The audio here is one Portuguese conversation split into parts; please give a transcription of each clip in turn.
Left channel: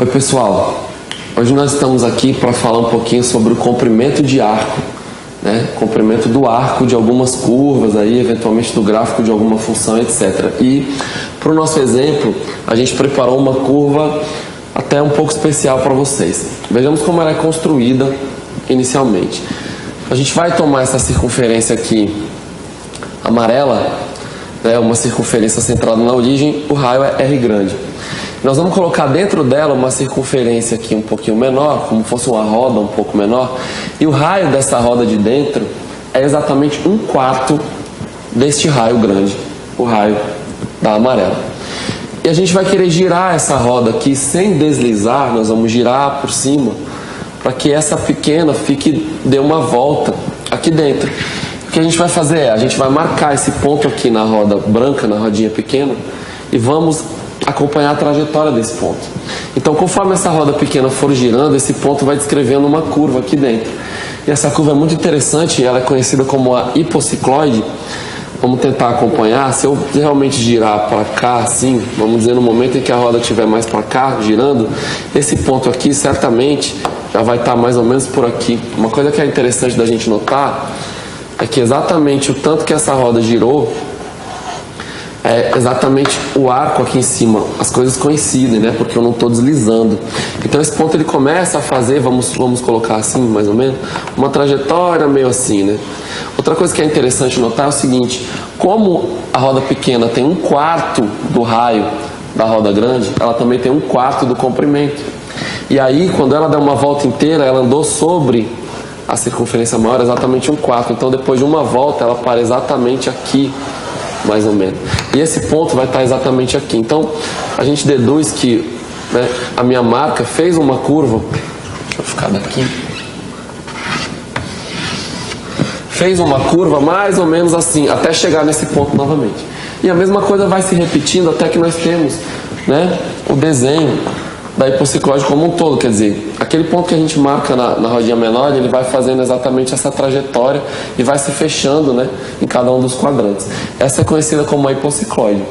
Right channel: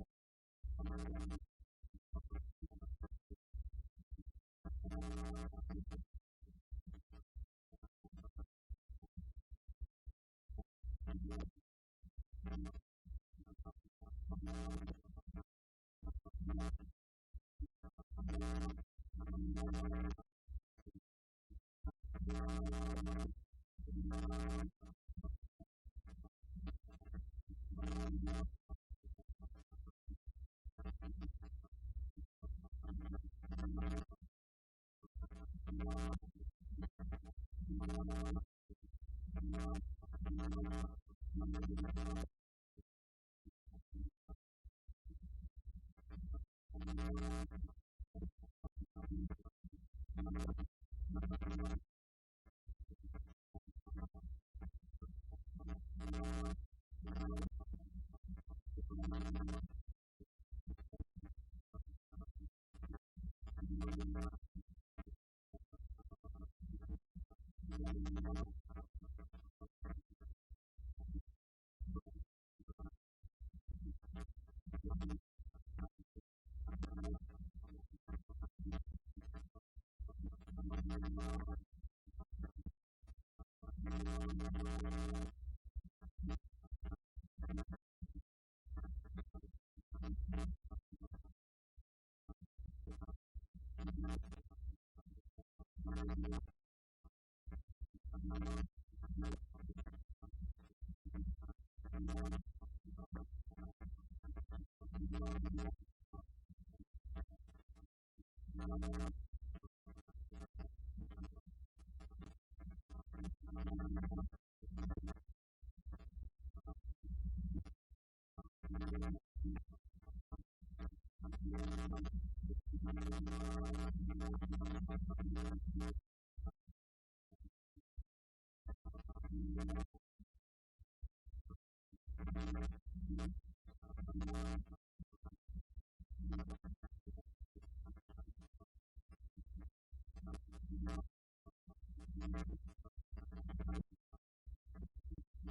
Oi pessoal, hoje nós estamos aqui para falar um pouquinho sobre o comprimento de arco, né? Comprimento do arco de algumas curvas, aí, eventualmente do gráfico de alguma função, etc. E para o nosso exemplo, a gente preparou uma curva até um pouco especial para vocês. Vejamos como ela é construída inicialmente. A gente vai tomar essa circunferência aqui amarela, né? Uma circunferência centrada na origem, o raio é R grande. Nós vamos colocar dentro dela uma circunferência aqui um pouquinho menor, como fosse uma roda um pouco menor, e o raio dessa roda de dentro é exatamente 1/4 deste raio grande, o raio da amarela. E a gente vai querer girar essa roda aqui sem deslizar, nós vamos girar por cima, para que essa pequena dê uma volta aqui dentro. O que a gente vai fazer é, a gente vai marcar esse ponto aqui na roda branca, na rodinha pequena, e vamos acompanhar a trajetória desse ponto. Então, conforme essa roda pequena for girando, esse ponto vai descrevendo uma curva aqui dentro. E essa curva é muito interessante, ela é conhecida como a hipocicloide. Vamos tentar acompanhar. Se eu realmente girar para cá, assim, vamos dizer, no momento em que a roda estiver mais para cá, girando, esse ponto aqui certamente já vai estar mais ou menos por aqui. Uma coisa que é interessante da gente notar é que exatamente o tanto que essa roda girou é exatamente o arco aqui em cima, as coisas coincidem, né? Porque eu não estou deslizando. Então esse ponto ele começa a fazer, vamos colocar assim, mais ou menos, uma trajetória meio assim, né? Outra coisa que é interessante notar é o seguinte: como a roda pequena tem 1/4 do raio da roda grande, ela também tem 1/4 do comprimento. E aí, quando ela dá uma volta inteira, ela andou sobre a circunferência maior, exatamente 1/4. Então, depois de uma volta, ela para exatamente aqui, mais ou menos. E esse ponto vai estar exatamente aqui. Então, a gente deduz que, né, a minha marca fez uma curva. Deixa eu ficar daqui. Fez uma curva mais ou menos assim, até chegar nesse ponto novamente. E a mesma coisa vai se repetindo até que nós temos, né, o desenho da hipocicloide como um todo. Quer dizer, aquele ponto que a gente marca na rodinha menor, ele vai fazendo exatamente essa trajetória e vai se fechando, né, em cada um dos quadrantes. Essa é conhecida como a hipocicloide.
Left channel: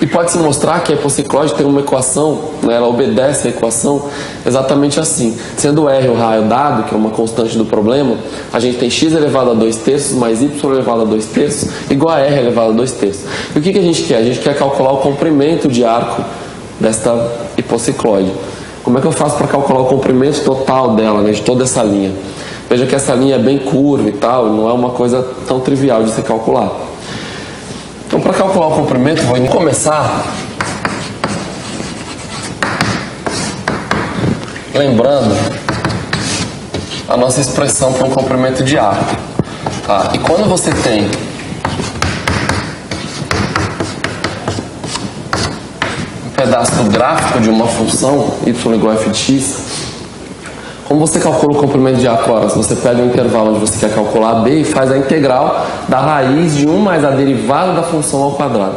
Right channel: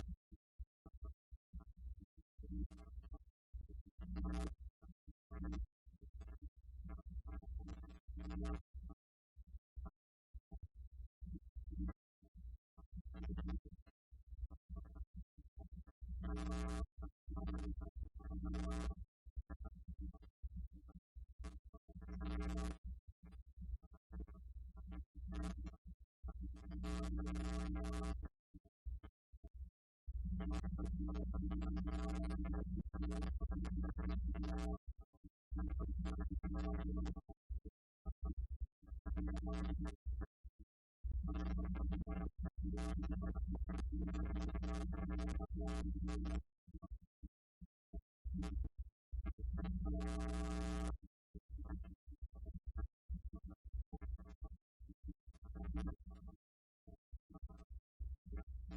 E pode-se mostrar que a hipocicloide tem uma equação, né, ela obedece a equação exatamente assim. Sendo R o raio dado, que é uma constante do problema, a gente tem x elevado a 2/3 mais y elevado a 2/3 igual a R elevado a 2/3. E o que a gente quer? A gente quer calcular o comprimento de arco desta hipocicloide. Como é que eu faço para calcular o comprimento total dela, né, de toda essa linha? Veja que essa linha é bem curva e tal, não é uma coisa tão trivial de se calcular. Então, para calcular o comprimento, vou começar lembrando a nossa expressão para um comprimento de arco. Tá? E quando você tem pedaço do gráfico de uma função y igual a f de x, como você calcula o comprimento de arco? Ora, você pega o intervalo onde você quer calcular b e faz a integral da raiz de 1 mais a derivada da função ao quadrado.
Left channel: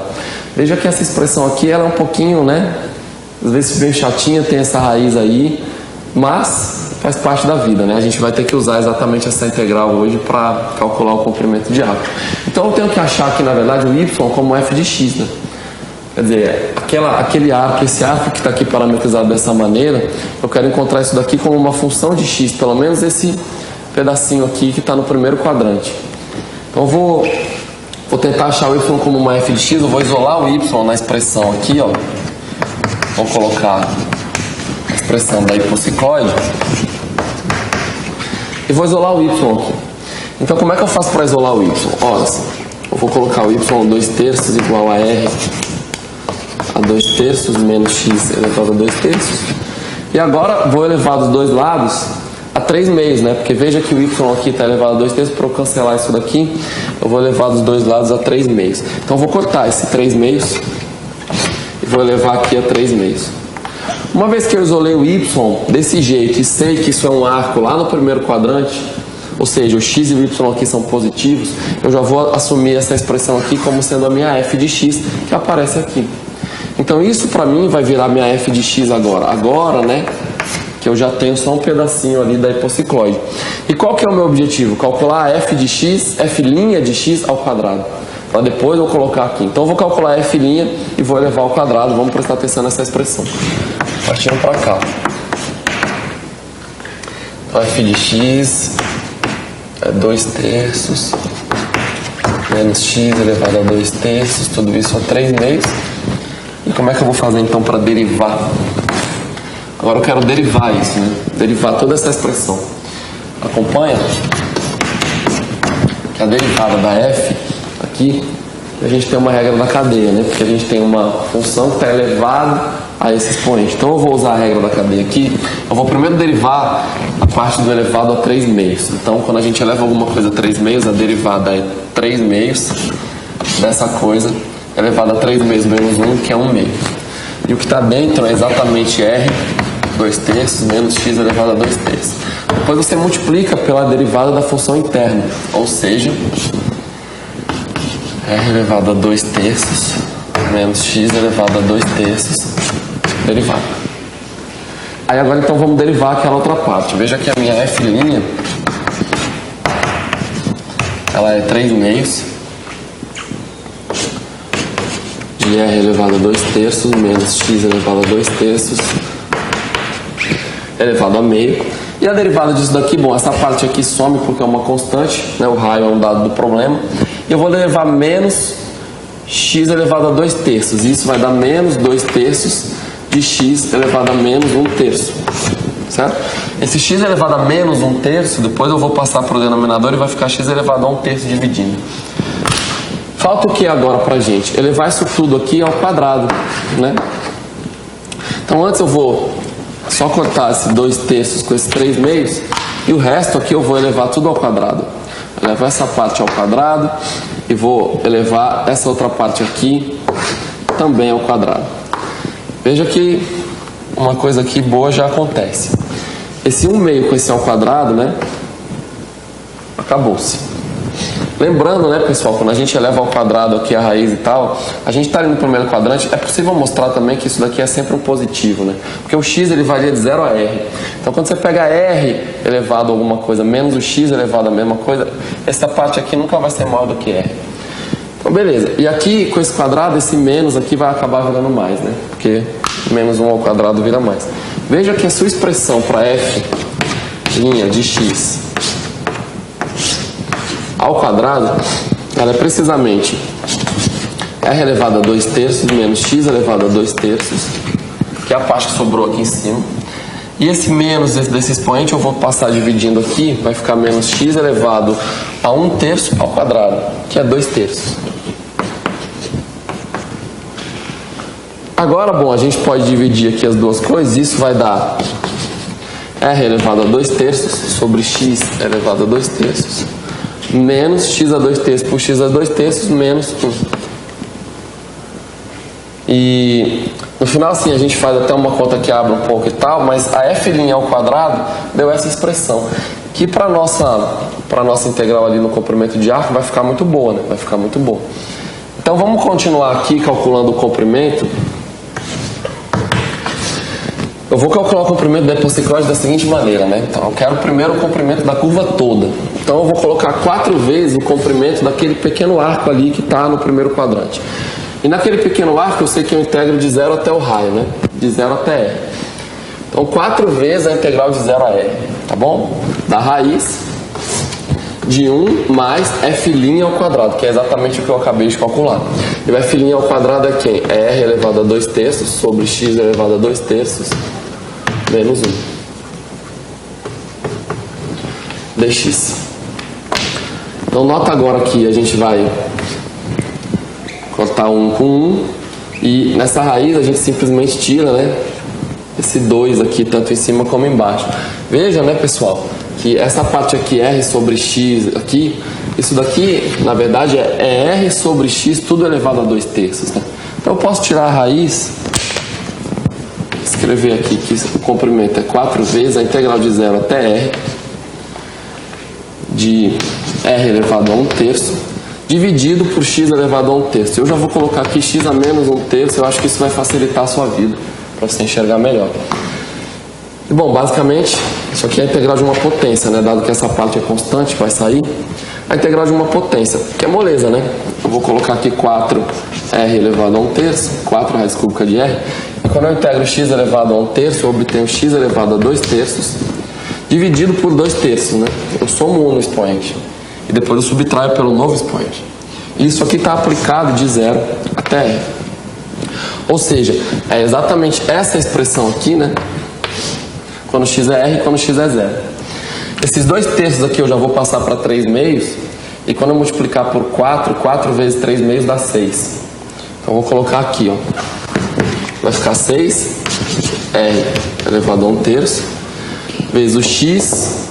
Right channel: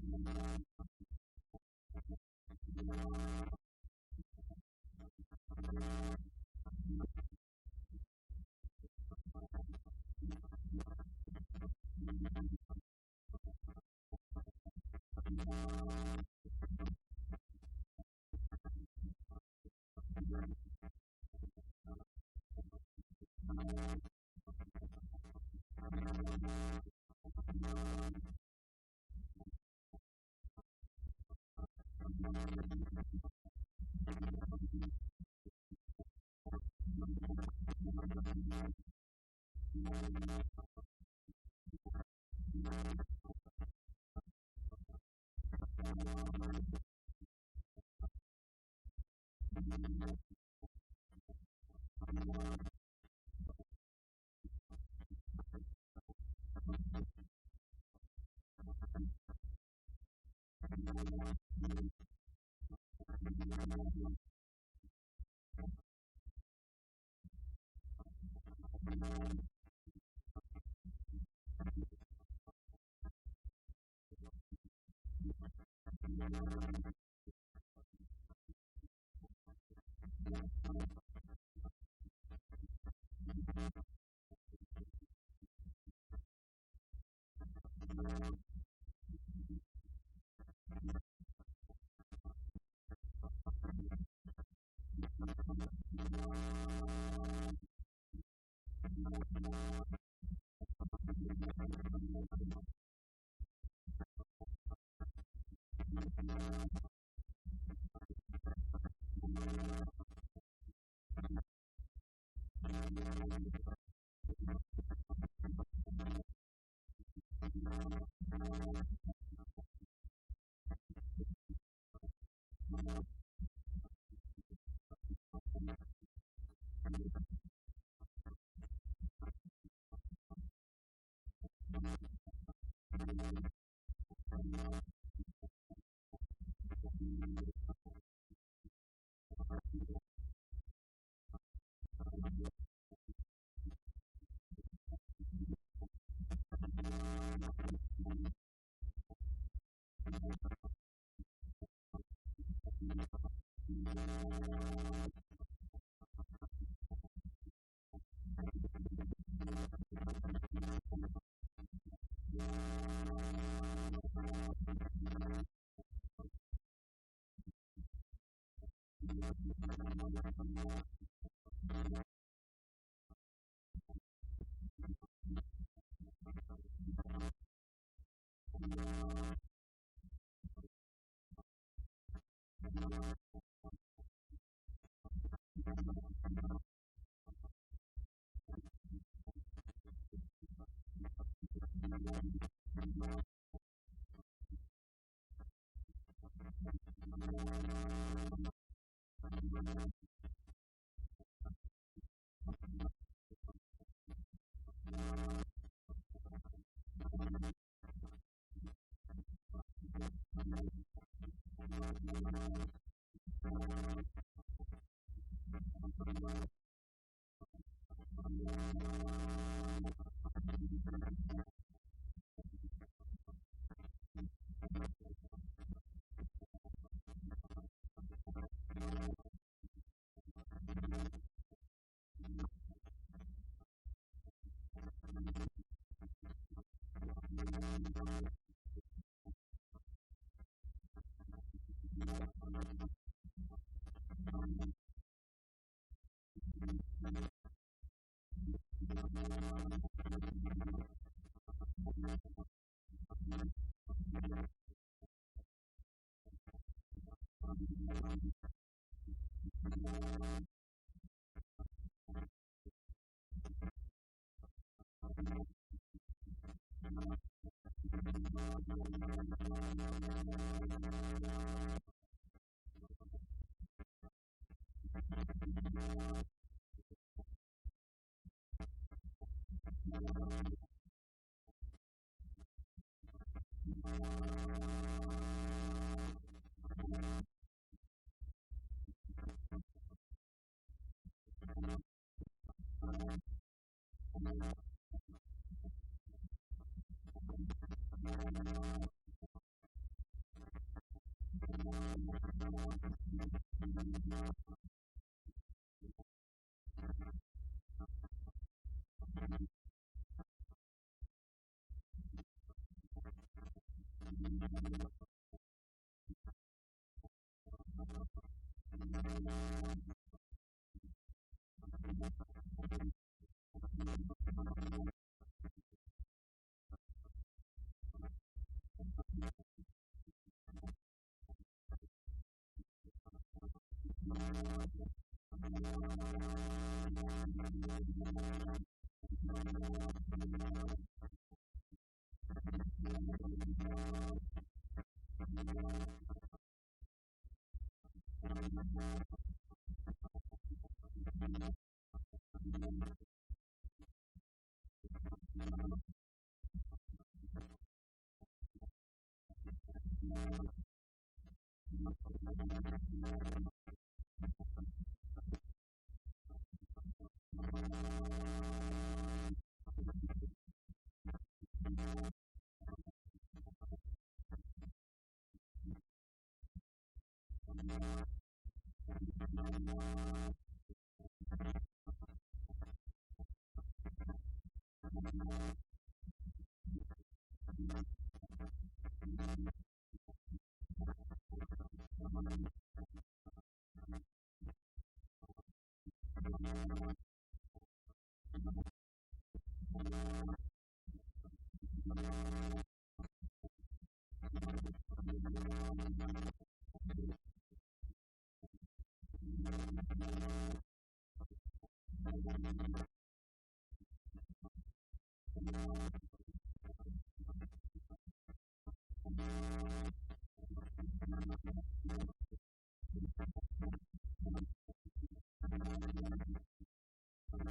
Veja que essa expressão aqui ela é um pouquinho, né, às vezes bem chatinha, tem essa raiz aí, mas faz parte da vida, né? A gente vai ter que usar exatamente essa integral hoje para calcular o comprimento de arco. Então eu tenho que achar aqui, na verdade, o y como f de x, né? Quer dizer, aquele arco, esse arco que está aqui parametrizado dessa maneira, eu quero encontrar isso daqui como uma função de x, pelo menos esse pedacinho aqui que está no primeiro quadrante. Então eu vou tentar achar o y como uma f de x, eu vou isolar o y na expressão aqui, ó. Vou colocar a expressão da hipocicloide e vou isolar o y aqui. Então como é que eu faço para isolar o y? Olha assim, eu vou colocar o y 2/3 igual a r a 2/3 menos x elevado a 2/3. E agora vou elevar dos dois lados a 3/2, né? Porque veja que o y aqui está elevado a 2/3, para eu cancelar isso daqui, eu vou elevar dos dois lados a 3/2. Então eu vou cortar esse 3/2 e vou elevar aqui a 3/2. Uma vez que eu isolei o y desse jeito e sei que isso é um arco lá no primeiro quadrante, ou seja, o x e o y aqui são positivos, eu já vou assumir essa expressão aqui como sendo a minha f de x, que aparece aqui. Então isso para mim vai virar minha f de x agora. Agora, né, que eu já tenho só um pedacinho ali da hipocicloide. E qual que é o meu objetivo? Calcular a f de x, f' de x ao quadrado. Para depois eu colocar aqui. Então eu vou calcular f' e vou elevar ao quadrado. Vamos prestar atenção nessa expressão. partindo para cá. Então f de x é 2/3 menos x elevado a 2/3, tudo isso a 3/2. E como é que eu vou fazer então para derivar? Agora eu quero derivar isso, né? Derivar toda essa expressão. Acompanha que a derivada da f aqui, a gente tem uma regra da cadeia, né? Porque a gente tem uma função que está elevada a esse expoente. Então eu vou usar a regra da cadeia aqui. Eu vou primeiro derivar a parte do elevado a 3/2. Então quando a gente eleva alguma coisa a 3/2, a derivada é 3/2 dessa coisa elevada a 3/2 menos 1, que é 1/2. E o que está dentro é exatamente r 2/3 menos x elevado a 2/3. Depois você multiplica pela derivada da função interna, ou seja, r elevado a 2/3 menos x elevado a 2/3 derivada. Aí agora então vamos derivar aquela outra parte. Veja que a minha f' ela é 3/2 de r elevado a 2/3 menos x elevado a 2/3 elevado a meio. E a derivada disso daqui, bom, essa parte aqui some porque é uma constante, né? O raio é um dado do problema. E eu vou derivar menos x elevado a 2/3. E isso vai dar menos 2/3 de x elevado a menos 1/3. Certo? Esse x elevado a menos 1/3, depois eu vou passar para o denominador e vai ficar x elevado a 1/3 dividindo. Falta o que agora pra gente? Elevar isso tudo aqui ao quadrado, né? Então antes eu vou só cortar esse 2/3 com esse 3/2 e o resto aqui eu vou elevar tudo ao quadrado. Elevar essa parte ao quadrado e vou elevar essa outra parte aqui também ao quadrado. Veja que uma coisa aqui boa já acontece. Esse 1/2 com esse ao quadrado, né? Acabou-se. Lembrando, né, pessoal, quando a gente eleva ao quadrado aqui a raiz e tal, a gente está ali no primeiro quadrante, é possível mostrar também que isso daqui é sempre um positivo, né? Porque o x ele varia de 0 a r. Então quando você pega r elevado a alguma coisa menos o x elevado a mesma coisa, essa parte aqui nunca vai ser maior do que r. Então beleza. E aqui com esse quadrado, esse menos aqui vai acabar virando mais, né? Porque menos 1 ao quadrado vira mais. Veja que a sua expressão para f' de x ao quadrado, ela é precisamente r elevado a 2/3 menos x elevado a 2/3, que é a parte que sobrou aqui em cima. E esse menos desse expoente eu vou passar dividindo aqui, vai ficar menos x elevado a 1/3 ao quadrado, que é 2/3. Agora, bom, a gente pode dividir aqui as duas coisas, isso vai dar r elevado a 2/3 sobre x elevado a 2/3 menos x a 2/3 por x a 2/3 menos 1. E no final, assim, a gente faz até uma conta que abre um pouco e tal, mas a f' ao quadrado deu essa expressão, que para nossa integral ali no comprimento de arco vai ficar muito boa, né? Vai ficar muito boa. Então vamos continuar aqui calculando o comprimento. Eu vou calcular o comprimento da hipociclose da seguinte maneira, né? Então, eu quero primeiro o comprimento da curva toda. Então, eu vou colocar 4 vezes o comprimento daquele pequeno arco ali que está no primeiro quadrante. E naquele pequeno arco, eu sei que eu integro de 0 até o raio, né? De 0 até R. Então, 4 vezes a integral de 0 a R, tá bom? Da raiz de 1 mais f' ao quadrado, que é exatamente o que eu acabei de calcular. E o f' ao quadrado é quem? É r elevado a 2/3 sobre x elevado a 2/3 menos 1 dx. Então nota agora que a gente vai cortar 1 com 1 e nessa raiz a gente simplesmente tira, né, esse 2 aqui tanto em cima como embaixo. Veja, né, pessoal, que essa parte aqui r sobre x aqui, isso daqui na verdade é r sobre x tudo elevado a 2/3, né? Então eu posso tirar a raiz, escrever aqui que o comprimento é 4 vezes a integral de 0 até r de r elevado a 1/3 dividido por x elevado a 1/3. Eu já vou colocar aqui x a menos 1/3, eu acho que isso vai facilitar a sua vida para você enxergar melhor. E bom, basicamente isso aqui é a integral de uma potência, né? Dado que essa parte é constante, vai sair a integral de uma potência, que é moleza, né? Eu vou colocar aqui 4 r elevado a 1/3, 4 raiz cúbica de r. E quando eu integro x elevado a 1/3, eu obtenho x elevado a 2/3, dividido por 2/3, né? Eu somo 1 no expoente. E depois eu subtraio pelo novo expoente. Isso aqui está aplicado de 0 até r. Ou seja, é exatamente essa expressão aqui, né? Quando x é r e quando x é 0. Esses 2/3 aqui eu já vou passar para 3/2. E quando eu multiplicar por 4, 4 vezes 3/2 dá 6. Então eu vou colocar aqui, ó. Vai ficar 6 r elevado a 1/3 vezes o x,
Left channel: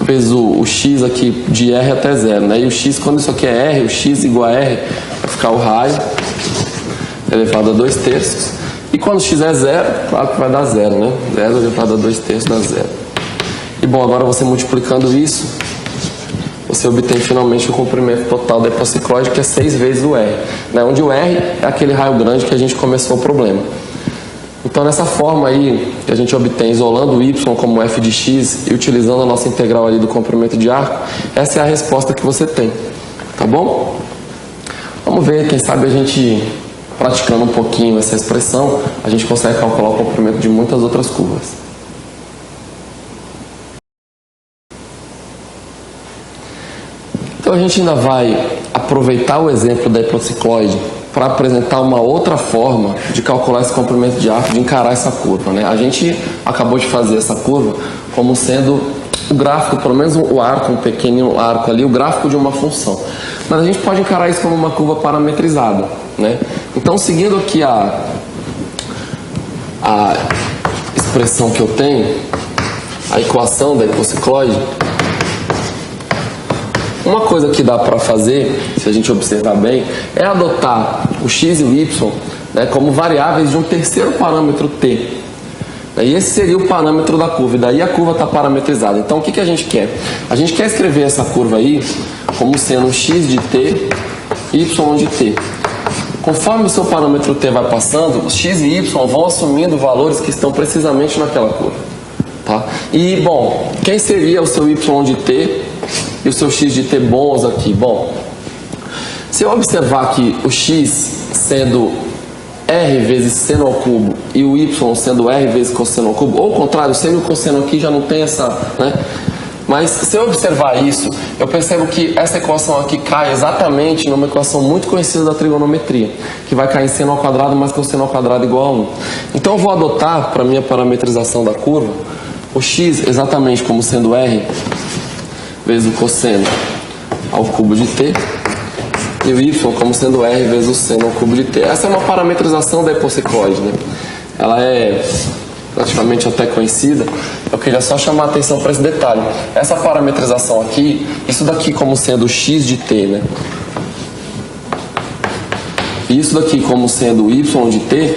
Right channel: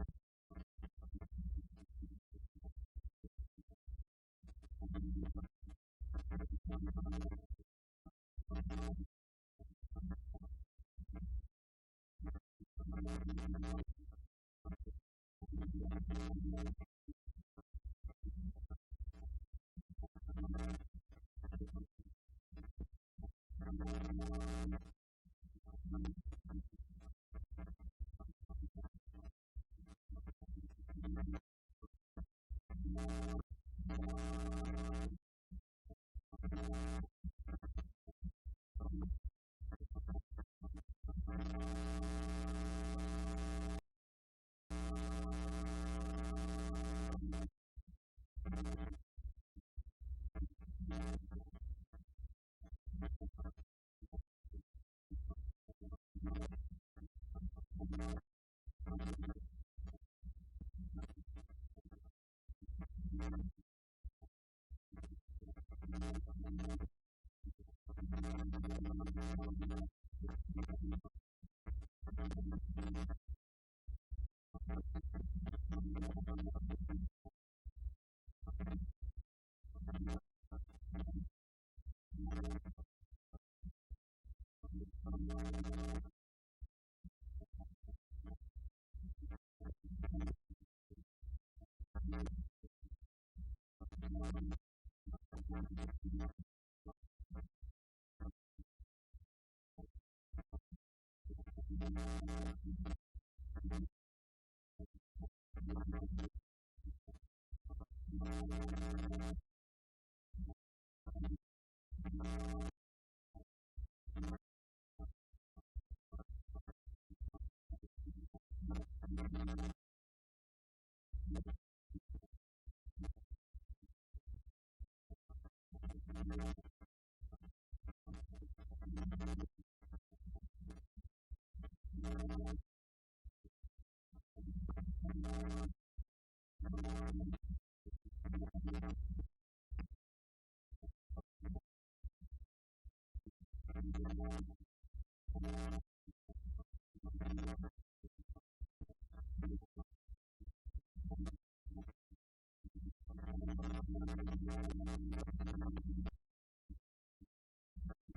vezes o x aqui de r até 0, né? E o x, quando isso aqui é r, o x igual a r, vai ficar o raio elevado a 2/3. E quando x é 0, claro que vai dar 0, né? 0 elevado a 2/3 dá 0. E bom, agora você multiplicando isso, você obtém finalmente o comprimento total da hipocicloide, que é 6 vezes o r, né? Onde o r é aquele raio grande que a gente começou o problema. Então, nessa forma aí, que a gente obtém isolando o y como f de x e utilizando a nossa integral ali do comprimento de arco, essa é a resposta que você tem, tá bom? Vamos ver, quem sabe a gente, praticando um pouquinho essa expressão, a gente consegue calcular o comprimento de muitas outras curvas. Então, a gente ainda vai aproveitar o exemplo da hipocicloide para apresentar uma outra forma de calcular esse comprimento de arco, de encarar essa curva, né? A gente acabou de fazer essa curva como sendo o gráfico, pelo menos o arco, um pequeno arco ali, o gráfico de uma função. Mas a gente pode encarar isso como uma curva parametrizada, né? Então, seguindo aqui a expressão que eu tenho, a equação da hipocicloide, uma coisa que dá para fazer, se a gente observar bem, é adotar o x e o y, né, como variáveis de um terceiro parâmetro t. E esse seria o parâmetro da curva, e daí a curva está parametrizada. Então o que a gente quer? A gente quer escrever essa curva aí como sendo x de t, y de t. Conforme o seu parâmetro t vai passando, os x e y vão assumindo valores que estão precisamente naquela curva. Tá? E, bom, quem seria o seu y de t e o seu x de t bons aqui? Bom, se eu observar que o x sendo r vezes seno ao cubo e o y sendo r vezes cosseno ao cubo, ou ao contrário, seno e o cosseno aqui já não tem essa, né? Mas se eu observar isso, eu percebo que essa equação aqui cai exatamente numa equação muito conhecida da trigonometria, que vai cair em seno ao quadrado mais cosseno ao quadrado igual a 1. Então eu vou adotar, para a minha parametrização da curva, o x exatamente como sendo r vezes o cosseno ao cubo de t, e o y como sendo r vezes o seno ao cubo de t. Essa é uma parametrização da hipocicloide, né? Ela é praticamente até conhecida. Eu queria só chamar a atenção para esse detalhe. Essa parametrização aqui, isso daqui como sendo x de t, né? E isso daqui como sendo y de t,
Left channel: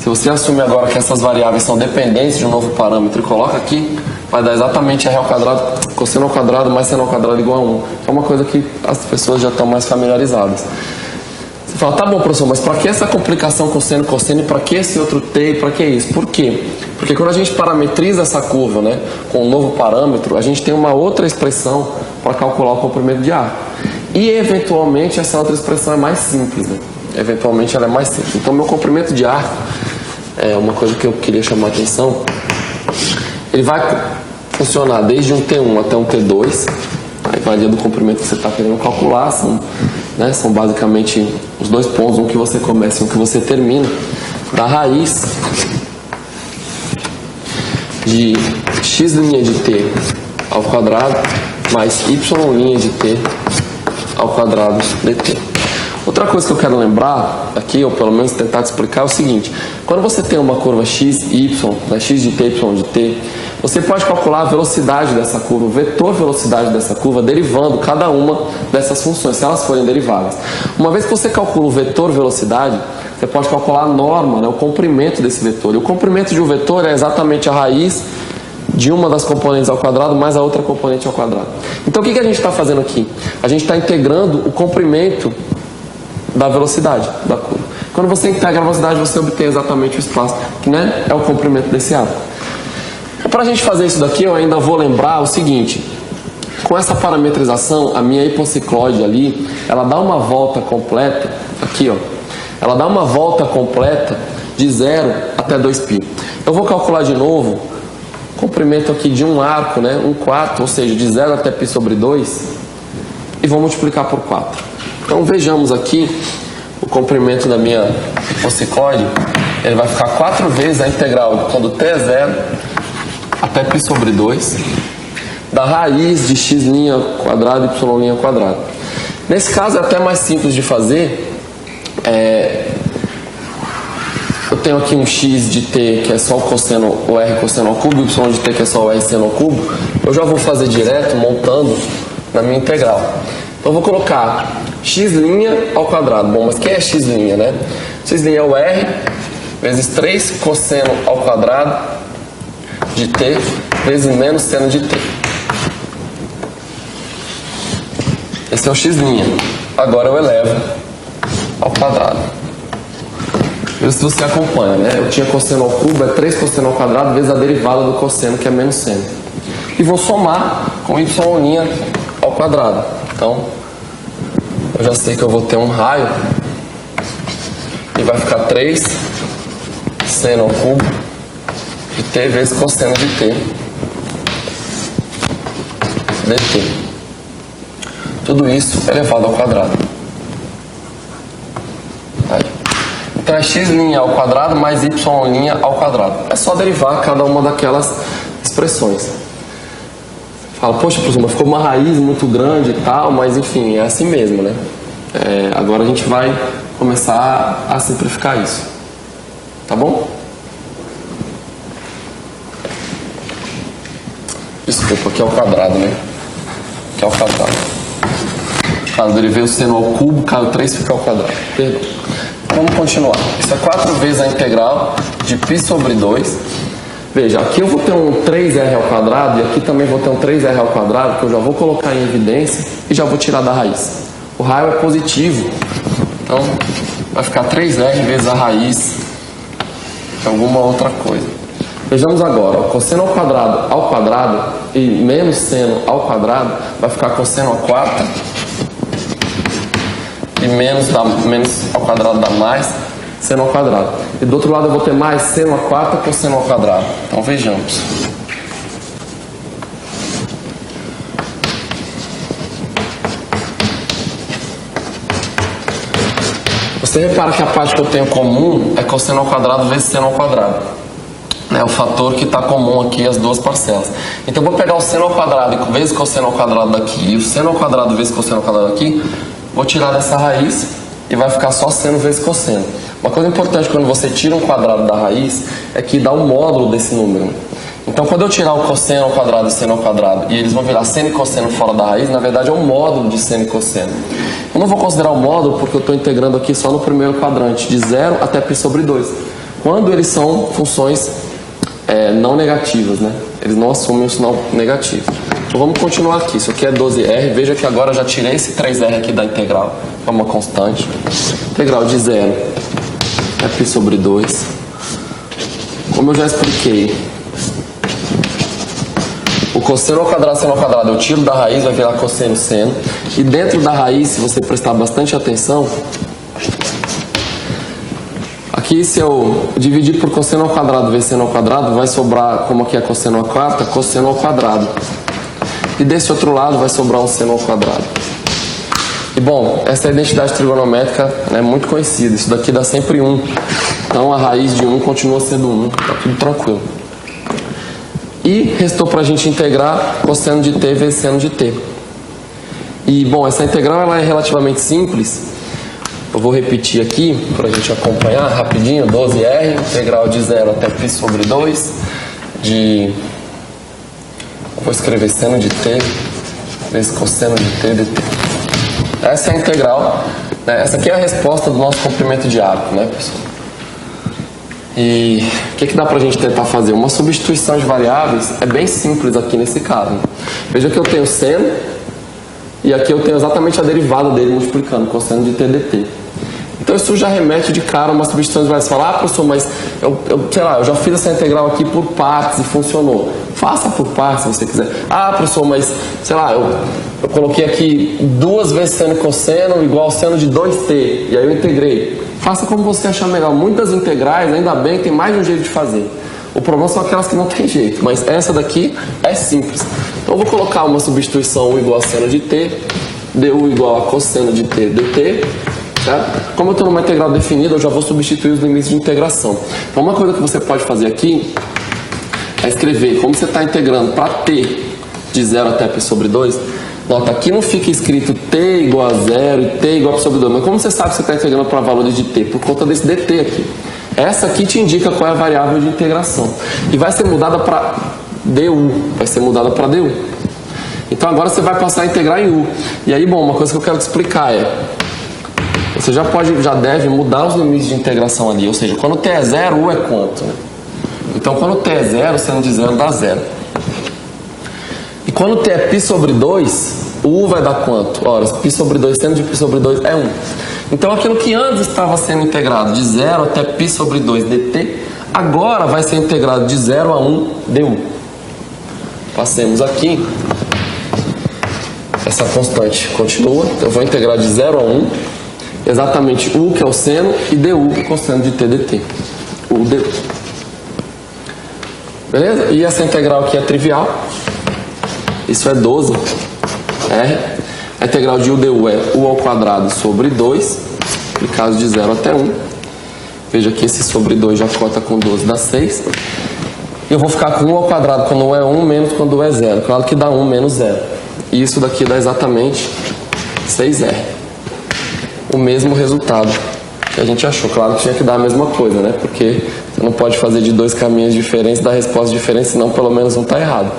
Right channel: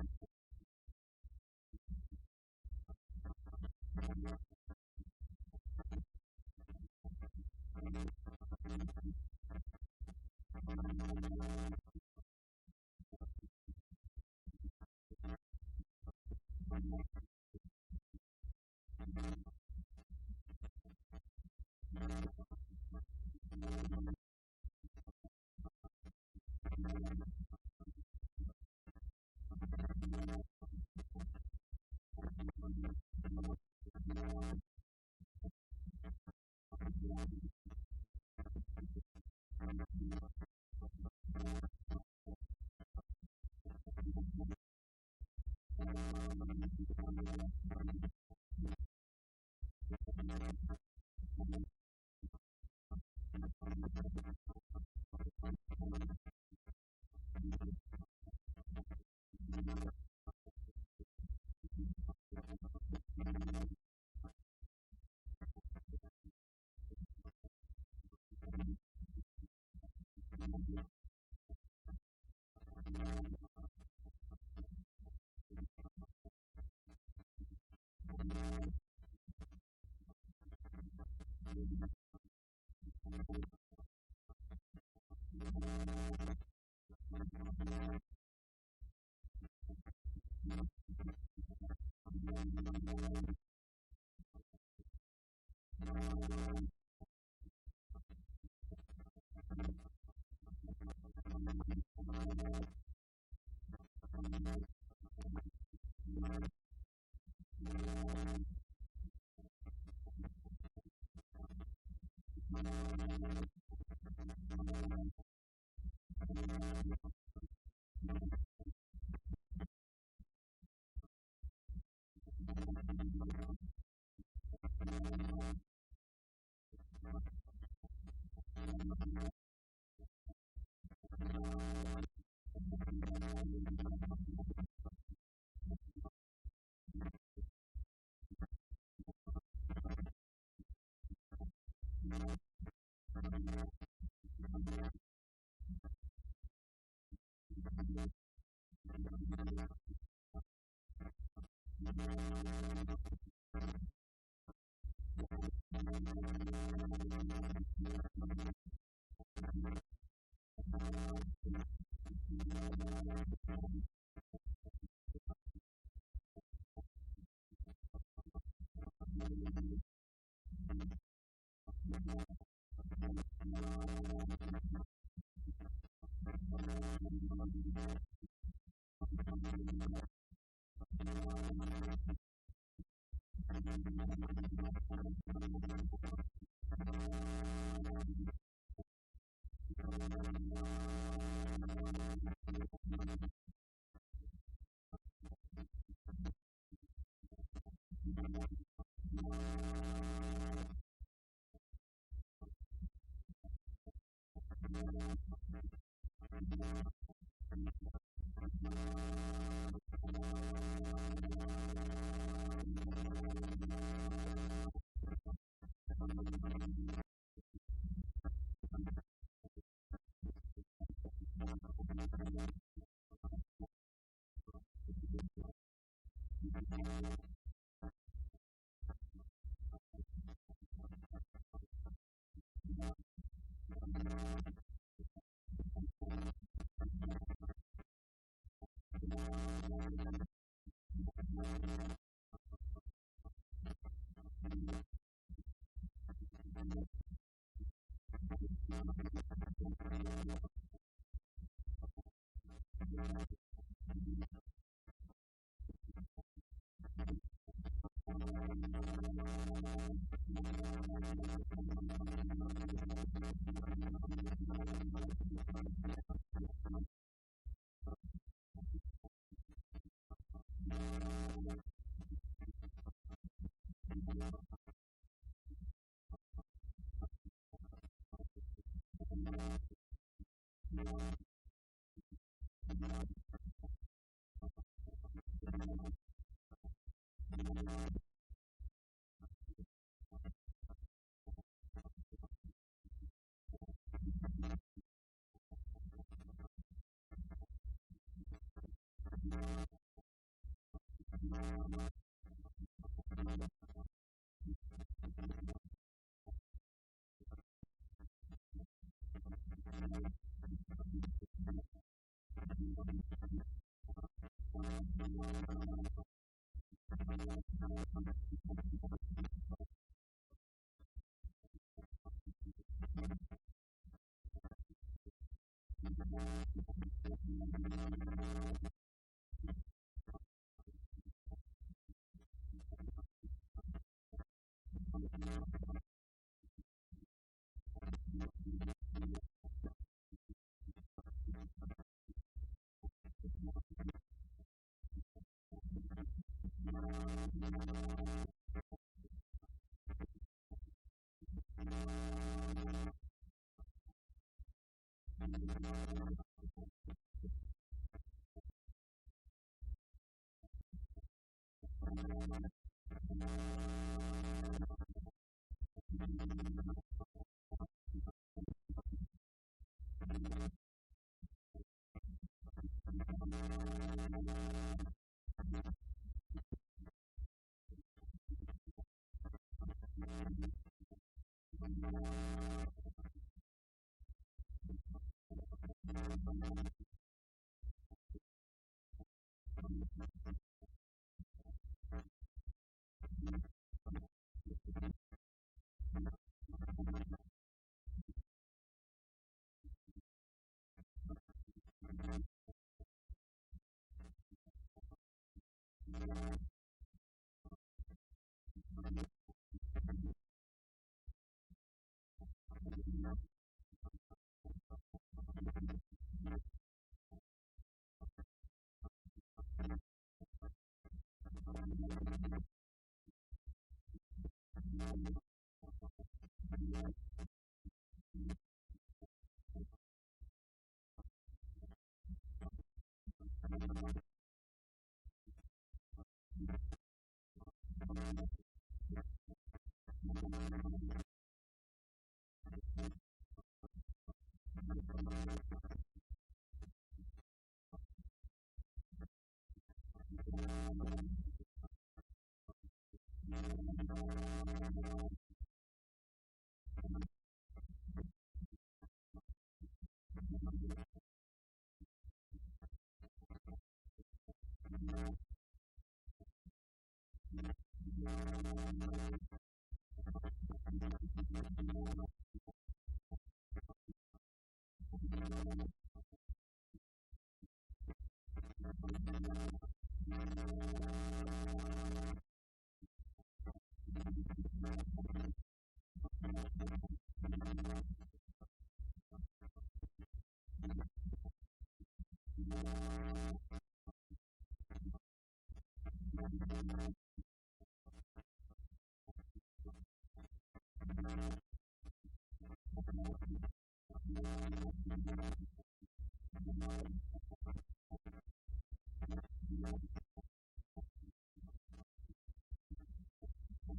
se você assumir agora que essas variáveis são dependentes de um novo parâmetro e coloca aqui, vai dar exatamente r ao quadrado, cosseno ao quadrado mais seno ao quadrado igual a 1. É uma coisa que as pessoas já estão mais familiarizadas. Você fala, tá bom, professor, mas para que essa complicação cosseno, cosseno, e para que esse outro t, e para que isso? Por quê? Porque quando a gente parametriza essa curva, né, com um novo parâmetro, a gente tem uma outra expressão para calcular o comprimento de arco. E, eventualmente, essa outra expressão é mais simples, né? Eventualmente, ela é mais simples. Então, meu comprimento de arco, é uma coisa que eu queria chamar a atenção, ele vai funcionar desde um T1 até um T2, aí varia do comprimento que você está querendo calcular, são basicamente os dois pontos, um que você começa e um que você termina, da raiz de x' de t ao quadrado mais y' de t ao quadrado dt. Outra coisa que eu quero lembrar aqui, ou pelo menos tentar te explicar, é o seguinte: quando você tem uma curva x e y, né, x de t, y de t, você pode calcular a velocidade dessa curva, o vetor velocidade dessa curva, derivando cada uma dessas funções, se elas forem deriváveis. Uma vez que você calcula o vetor velocidade, você pode calcular a norma, né, o comprimento desse vetor. E o comprimento de um vetor é exatamente a raiz de uma das componentes ao quadrado mais a outra componente ao quadrado. Então o que a gente está fazendo aqui? A gente está integrando o comprimento da velocidade da curva. Quando você integra a velocidade, você obtém exatamente o espaço, que, né, é o comprimento desse arco. Para a gente fazer isso daqui, eu ainda vou lembrar o seguinte: com essa parametrização, a minha hipocicloide ali, ela dá uma volta completa, aqui ó, ela dá uma volta completa de 0 até 2π. Eu vou calcular de novo o comprimento aqui de um arco, né, 1/4, ou seja, de 0 até π sobre 2, e vou multiplicar por 4. Então vejamos aqui o comprimento da minha hipocicloide, ele vai ficar 4 vezes a integral quando t é 0 até π sobre 2 da raiz de x' e y'. Nesse caso é até mais simples de fazer. Eu tenho aqui um x de t que é só o r cosseno ao cubo, y de t que é só o r seno ao cubo. Eu já vou fazer direto montando na minha integral. Então eu vou colocar x' ao quadrado. Bom, mas quem é x', né? X' é o r vezes 3 cosseno ao quadrado de t vezes menos seno de t. Esse é o x'. Agora eu elevo ao quadrado. Veja se você acompanha, né? Eu tinha cosseno ao cubo, é 3 cosseno ao quadrado vezes a derivada do cosseno, que é menos seno. E vou somar com y' ao quadrado. Então, eu já sei que eu vou ter um raio e vai ficar 3 seno ao cubo de t vezes cosseno de t dt. Tudo isso elevado ao quadrado. Aí. Então é x' ao quadrado mais y' ao quadrado. É só derivar cada uma daquelas expressões. Fala, poxa, professor, ficou uma raiz muito grande e tal, mas enfim, é assim mesmo, né? Agora a gente vai começar a simplificar isso. Tá bom? Desculpa, aqui é o quadrado, né? Aqui é o quadrado. Caso derivei o seno ao cubo, caiu 3, fica ao quadrado. Perdão. Vamos continuar. Isso é 4 vezes a integral de π sobre 2. Veja, aqui eu vou ter um 3r ao quadrado e aqui também vou ter um 3r ao quadrado, que eu já vou colocar em evidência e já vou tirar da raiz. O raio é positivo, então vai ficar 3r vezes a raiz de alguma outra coisa. Vejamos agora, o cosseno ao quadrado e menos seno ao quadrado vai ficar cosseno à quarta e menos ao quadrado dá mais seno ao quadrado. E do outro lado eu vou ter mais seno à quarta cosseno ao quadrado. Então vejamos. Você repara que a parte que eu tenho comum é cosseno ao quadrado vezes seno ao quadrado. É o fator que está comum aqui as duas parcelas. Então eu vou pegar o seno ao quadrado vezes cosseno ao quadrado daqui e o seno ao quadrado vezes cosseno ao quadrado aqui. Vou tirar dessa raiz e vai ficar só seno vezes cosseno. Uma coisa importante quando você tira um quadrado da raiz é que dá um módulo desse número. Então quando eu tirar o cosseno ao quadrado e seno ao quadrado e eles vão virar seno e cosseno fora da raiz, na verdade é um módulo de seno e cosseno. Eu não vou considerar o módulo porque eu estou integrando aqui só no primeiro quadrante, de 0 até π sobre 2. Quando eles são funções não negativas, né? Eles não assumem um sinal negativo. Então vamos continuar aqui. Isso aqui é 12r. Veja que agora eu já tirei esse 3r aqui da integral, que é uma constante. Integral de 0 é π sobre 2. Como eu já expliquei, o cosseno ao quadrado, seno ao quadrado, eu tiro da raiz, vai virar cosseno, seno. E dentro da raiz, se você prestar bastante atenção, aqui se eu dividir por cosseno ao quadrado vezes seno ao quadrado, vai sobrar, como aqui é cosseno à quarta, cosseno ao quadrado. E desse outro lado vai sobrar um seno ao quadrado. E bom, essa identidade trigonométrica é muito conhecida. Isso daqui dá sempre 1. Então a raiz de 1 continua sendo 1. Tá tudo tranquilo. E restou para a gente integrar cosseno de t vezes seno de t. E bom, essa integral ela é relativamente simples. Eu vou repetir aqui para a gente acompanhar rapidinho. 12r, integral de 0 até π sobre 2 de... Vou escrever seno de t vezes cosseno de t dt. Essa é a integral, né? Essa aqui é a resposta do nosso comprimento de arco, né, pessoal? E o que dá pra gente tentar fazer? Uma substituição de variáveis é bem simples aqui nesse caso. Veja que eu tenho seno e aqui eu tenho exatamente a derivada dele multiplicando cosseno de t dt. Então Então isso já remete de cara a uma substituição. Vai falar, ah, professor, mas sei lá, eu já fiz essa integral aqui por partes e funcionou. Faça por partes se você quiser. Ah, professor, mas sei lá, eu coloquei aqui 2 vezes seno e cosseno igual seno de 2t, e aí eu integrei. Faça como você achar melhor. Muitas integrais, ainda bem, tem mais de um jeito de fazer. O problema são aquelas que não tem jeito, mas essa daqui é simples. Então eu vou colocar uma substituição U igual a seno de t, du igual a cosseno de t dt, certo? Como eu estou numa integral definida, eu já vou substituir os limites de integração. Então uma coisa que você pode fazer aqui é escrever, como você está integrando para t de 0 até π sobre 2, nota, aqui não fica escrito t igual a 0 e t igual a π sobre 2, mas como você sabe que você está integrando para valores de t? Por conta desse dt aqui. Essa aqui te indica qual é a variável de integração. E vai ser mudada para du. Vai ser mudada para du. Então agora você vai passar a integrar em u. E aí, bom, uma coisa que eu quero te explicar é... Você já deve mudar os limites de integração ali. Ou seja, quando t é 0, u é quanto? Né? Então quando t é 0, seno de 0 dá 0. E quando t é π sobre 2, o u vai dar quanto? Ora, π sobre 2, seno de π sobre 2 é 1. Então aquilo que antes estava sendo integrado de 0 até π sobre 2 dt, agora vai ser integrado de 0 a 1 du. Passemos aqui. Essa constante continua. Eu vou integrar de 0 a 1, exatamente u, que é o seno, e du, que é o cosseno de t dt. U du. Beleza? E essa integral aqui é trivial. Isso é 12. A integral de u du é u ao quadrado sobre 2, no caso de 0 até 1. Veja que esse sobre 2 já corta com 12, dá 6. E eu vou ficar com u ao quadrado quando u é 1, menos quando u é 0. Claro que dá 1 menos 0. E isso daqui dá exatamente 6r. O mesmo resultado que a gente achou. Claro que tinha que dar a mesma coisa, né? Porque você não pode fazer de 2 caminhos diferentes, dar respostas diferentes, senão pelo menos um está errado.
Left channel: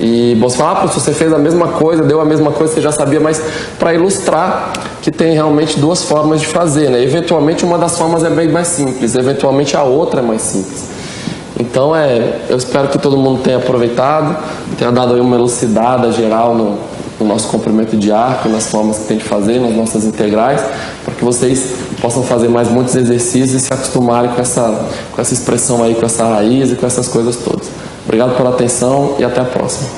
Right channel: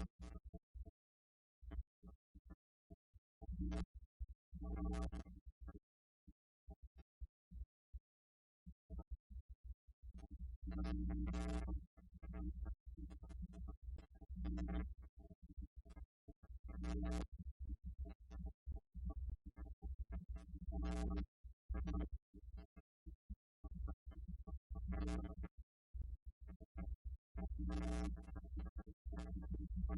E você fala, professor, você fez a mesma coisa, deu a mesma coisa, você já sabia, mas para ilustrar que tem realmente 2 formas de fazer, né? Eventualmente uma das formas é bem mais simples, eventualmente a outra é mais simples. Então eu espero que todo mundo tenha aproveitado, tenha dado aí uma elucidada geral no nosso comprimento de arco, nas formas que tem de fazer, nas nossas integrais, para que vocês possam fazer mais muitos exercícios e se acostumarem com essa expressão aí, com essa raiz e com essas coisas todas. Obrigado pela atenção e até a próxima.